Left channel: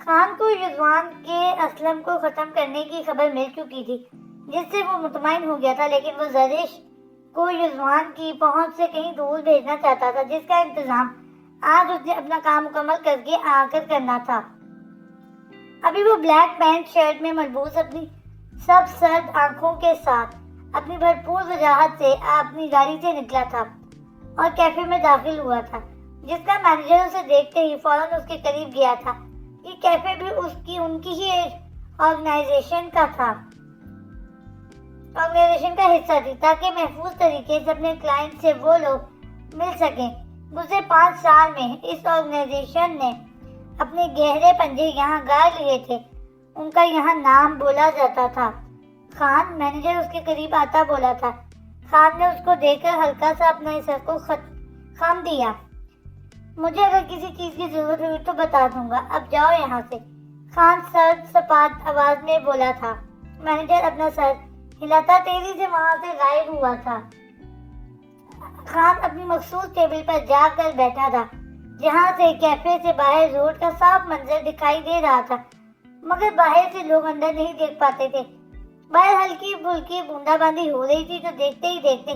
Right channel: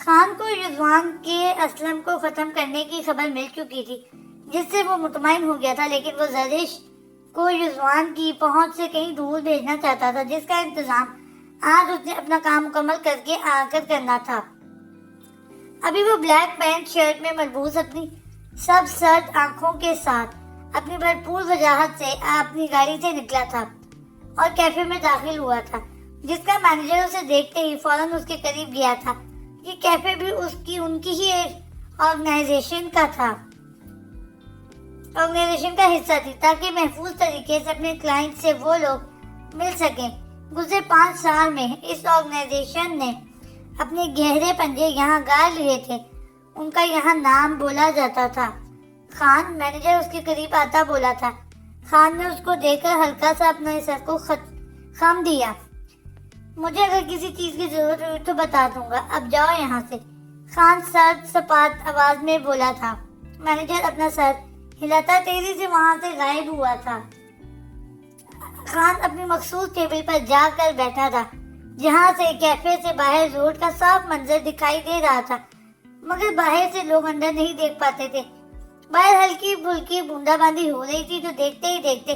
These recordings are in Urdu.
خان کو رضوان کے اسلم کو ختم کرنے کی خبر مل چکی تھی، جس سے وہ مطمئن ہو گیا تھا، لیکن وہ زرش کو رضوان کی پہنچ سے کہیں دور بھیجنا چاہتا تھا، جس کا انتظام آج اس نے اپنا کام مکمل کر کے آ کر کرنا تھا۔ ابھی وہ بلیک پینٹ شرٹ میں ملبوس اپنی سب سرد آنکھوں کے ساتھ اپنی بھرپور وجاہت سے اپنی گاڑی سے نکلا تھا اور کیفے میں داخل ہوا تھا، جس کا مینیجر اسے دیکھتے ہی فوراً اس کے قریب گیا تھا کہ کیفے بھی ان کی ہی آرگنائزیشن کا حصہ تھی، تاکہ محفوظ طریقے سے اپنے کلائنٹ سے وہ لوگ مل سکیں۔ گزرے 5 سال میں اس آرگنائزیشن نے اپنے گہرے پنجے یہاں گاڑ لیے تھے، ان کا یہاں نام بولا جاتا تھا۔ خان، مینیجر اس کے قریب آتا بولا تھا۔ خان نے اس کو دیکھ کر ہلکا سا اپنا سر کو خم دیا۔ مجھے اگر کسی چیز کی ضرورت ہوئی تو بتا دوں گا، اب جاؤ یہاں سے، خان سرد سپات آواز میں بولا تھا۔ مینیجر اپنا سر ہلاتا تیزی سے وہاں سے غائب ہوا تھا۔ خان اپنی مخصوص ٹیبل پر جا کر بیٹھا تھا، جہاں سے کیفے سے باہر روڈ کا صاف منظر دکھائی دے رہا تھا، مگر باہر سے لوگ اندر نہیں دیکھ پاتے تھے۔ باہر ہلکی پھلکی بوندا باندی ہو رہی تھی جو دیکھتے ہی دیکھتے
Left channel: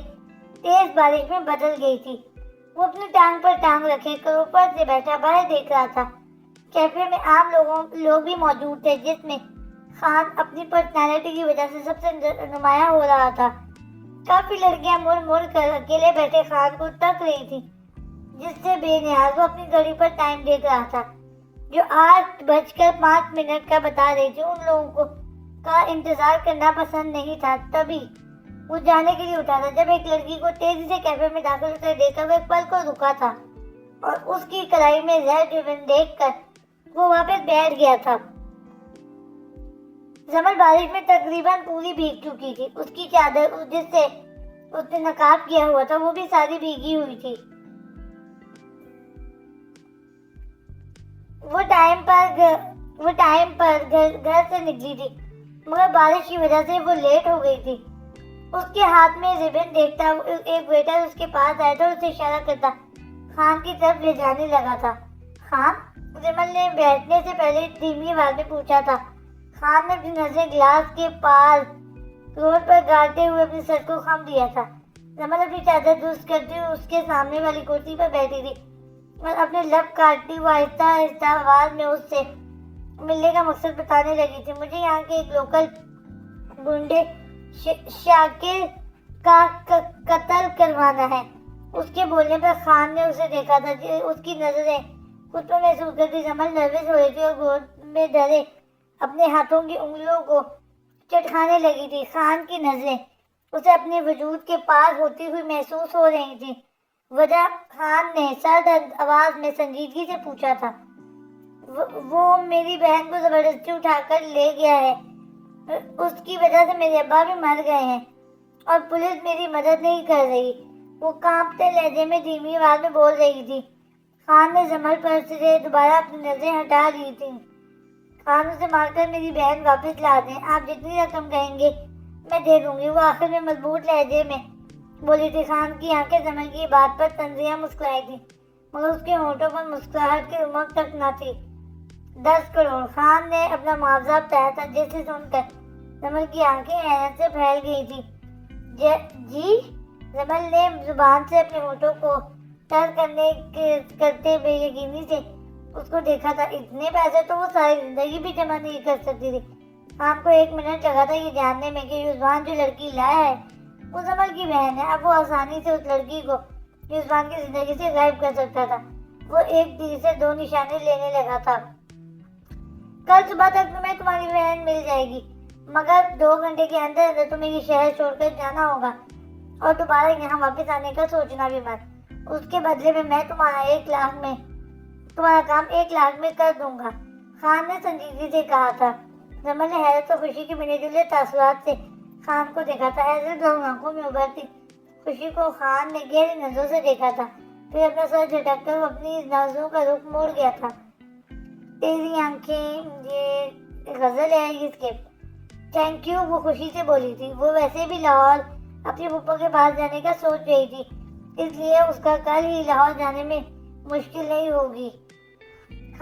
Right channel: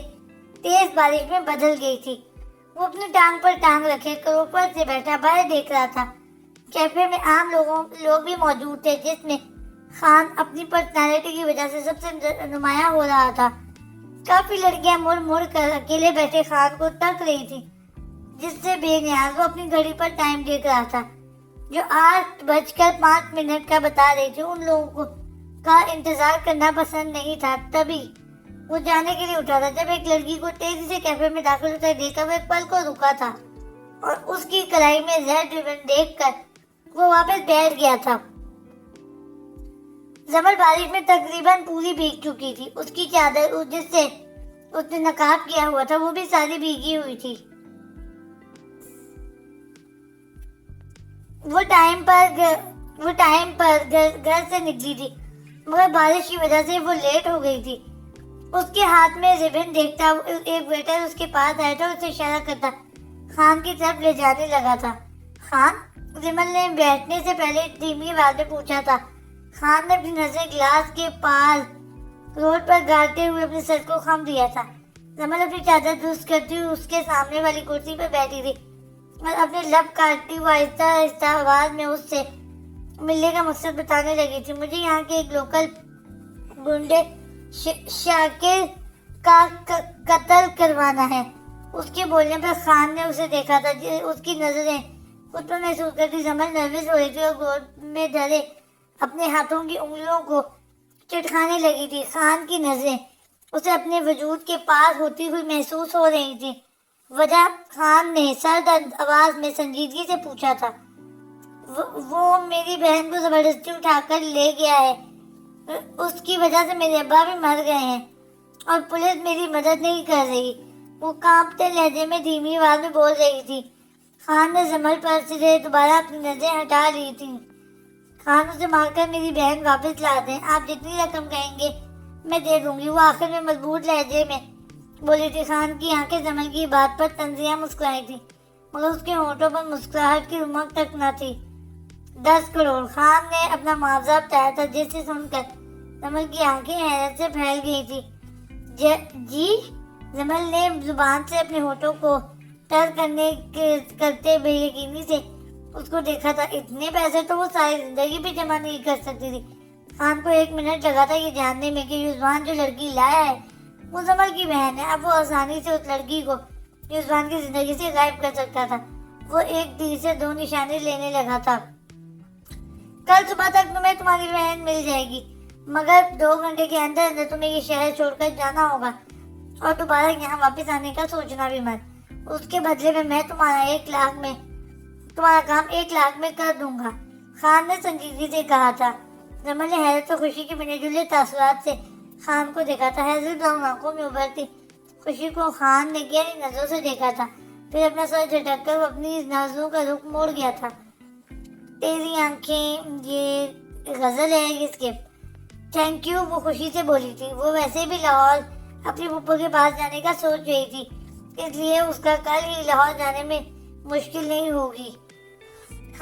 تیز بارش میں بدل گئی تھی۔ وہ اپنی ٹانگ پر ٹانگ رکھے کر اوپر سے بیٹھا باہر دیکھ رہا تھا۔ کیفے میں عام لوگ بھی موجود تھے، جس میں خان اپنی پرسنالٹی کی وجہ سے سب سے نمایاں ہو رہا تھا۔ کافی لڑکیاں مڑ مڑ کر اکیلے بیٹھے خان کو تک رہی تھی، جس سے بے نیاز وہ اپنی گھڑی پر ٹائم دیکھ رہا تھا جو 8:05 کا بتا رہی تھی۔ ان لوگوں کا انتظار کرنا پسند نہیں تھا، تبھی وہ جانے کے لیے اٹھا تھا جب ایک لڑکی کو تیزی سے کیفے میں داخل ہوتے دیکھ کر وہ ایک پل کو رکا تھا اور اس کی کلائی میں زہر ریبن دیکھ کر وہ واپس بیٹھ گیا تھا۔ زمل بارش میں تقریباً پوری بھیگ چکی تھی، اس کی چادر جس سے اس نے نقاب کیا ہوا تھا وہ بھی ساری بھیگی ہوئی تھی۔ وہ ٹائم پر گھر سے نکلی تھی، مگر بارش کی وجہ سے وہ لیٹ ہو گئی تھی۔ اس کے ہاتھ میں ریبن دیکھتا ایک ویٹر اس کے پاس آیا تھا، اسے اشارہ کرتا خان کی طرف لے جانے لگا تھا۔ خان؟ زمل نے بیٹھنے سے پہلے دھیمی آواز میں پوچھا تھا۔ خان نے اپنی نظریں گلاس کے پار روڈ پر گاڑتے ہوئے اپنے سر کو خم دیا تھا۔ زمل اپنی چادر درست کرتی ہوئی اس کے سامنے والی کرسی پر بیٹھی تھی اور اپنے لب کاٹتی ہوئے آہستہ آہستہ آواز میں اس سے ملنے کا مقصد بتانے لگی تھی۔ مجھے یہاں کے ایک لوکل گنڈے شاکر کا قتل کروانا ہے۔ اس کے بولنے پر خان نے اسے دیکھا تھا، اس کی نظریں خود پر محسوس کرتی زمل نروس ہو رہی تھی اور گود میں ڈرے اپنے ہاتھوں کی انگلیوں کو چٹکانے لگی تھی۔ خان کی نظریں اسے اپنے وجود کے پاس ہوتی ہوئی محسوس ہو رہی تھی۔ وجہ؟ خان نے سرد آواز میں سنجیدگی سے پوچھا تھا۔ وہ میری بہن کو زبردستی اٹھا کر لے گیا ہے، اس کی وجہ سے میرے ابا بھی مر گئے ہیں اور پولیس میری مدد نہیں کر رہی، وہ کانپتے لہجے میں دھیمی آواز میں بول رہی تھی۔ خان نے زمل پر سے دوبارہ اپنی نظریں ہٹا لی تھی۔ خان اسے مار کر میری بہن واپس لا دیں، آپ جتنی رقم کہیں گے میں دے دوں گی، وہ آخر میں مضبوط لہجے میں بولی تھی۔ خان کی آنکھیں زمل کی بات پر تنزیہ مسکرائی تھی، مگر اس کے ہونٹوں پر مسکراہٹ کی رمق تک نہ تھی۔ 10 کروڑ! خان نے اپنا معاوضہ بتایا تھا، جسے سن کر زمل کی آنکھیں حیرت سے پھیل گئی تھی۔ جی؟ زمل نے زبان سے اپنے ہونٹوں کو تر کرتے بے یقینی سے اس کو دیکھا تھا۔ اتنے پیسے تو وہ ساری زندگی بھی جمع نہیں کر سکتی تھی۔ خان کو 1 منٹ لگا تھا یہ جاننے میں کہ رضوان جو لڑکی لایا ہے وہ زمل کی بہن ہے۔ اب وہ آسانی سے اس لڑکی کو رضوان کی زندگی سے غائب کر سکتا تھا۔ وہ ایک تیر سے 2 نشانے لینے لگا تھا۔ کل صبح تک تمہیں تمہاری بہن مل جائے گی، مگر 2 گھنٹے کے اندر اندر تمہیں یہ شہر چھوڑ کر جانا ہوگا اور دوبارہ یہاں واپس آنے کا سوچنا بھی مت۔ اس کے بدلے میں تمہارا کام 1 لاکھ میں کر دوں گا، خان نے سنجیدگی سے کہا تھا۔ زمل نے حیرت اور خوشی کے ملے جلے تاثرات سے خان کو دیکھا تھا۔ حیرت دونوں آنکھوں میں ابھرتی خوشی کو خان نے گہری نظروں سے دیکھا تھا، پھر اپنا سر جھٹک کر اپنی نظروں کا رخ موڑ گیا تھا۔ تیری آنکھیں، یہ غزل ہے اس کے۔ تھینک یو، وہ خوشی سے بولی تھی۔ وہ ویسے بھی لاہور اپنی پھپھو کے پاس جانے کا سوچ رہی تھی، اس لیے اس کا کل ہی لاہور جانے میں مشکل نہیں ہوگی۔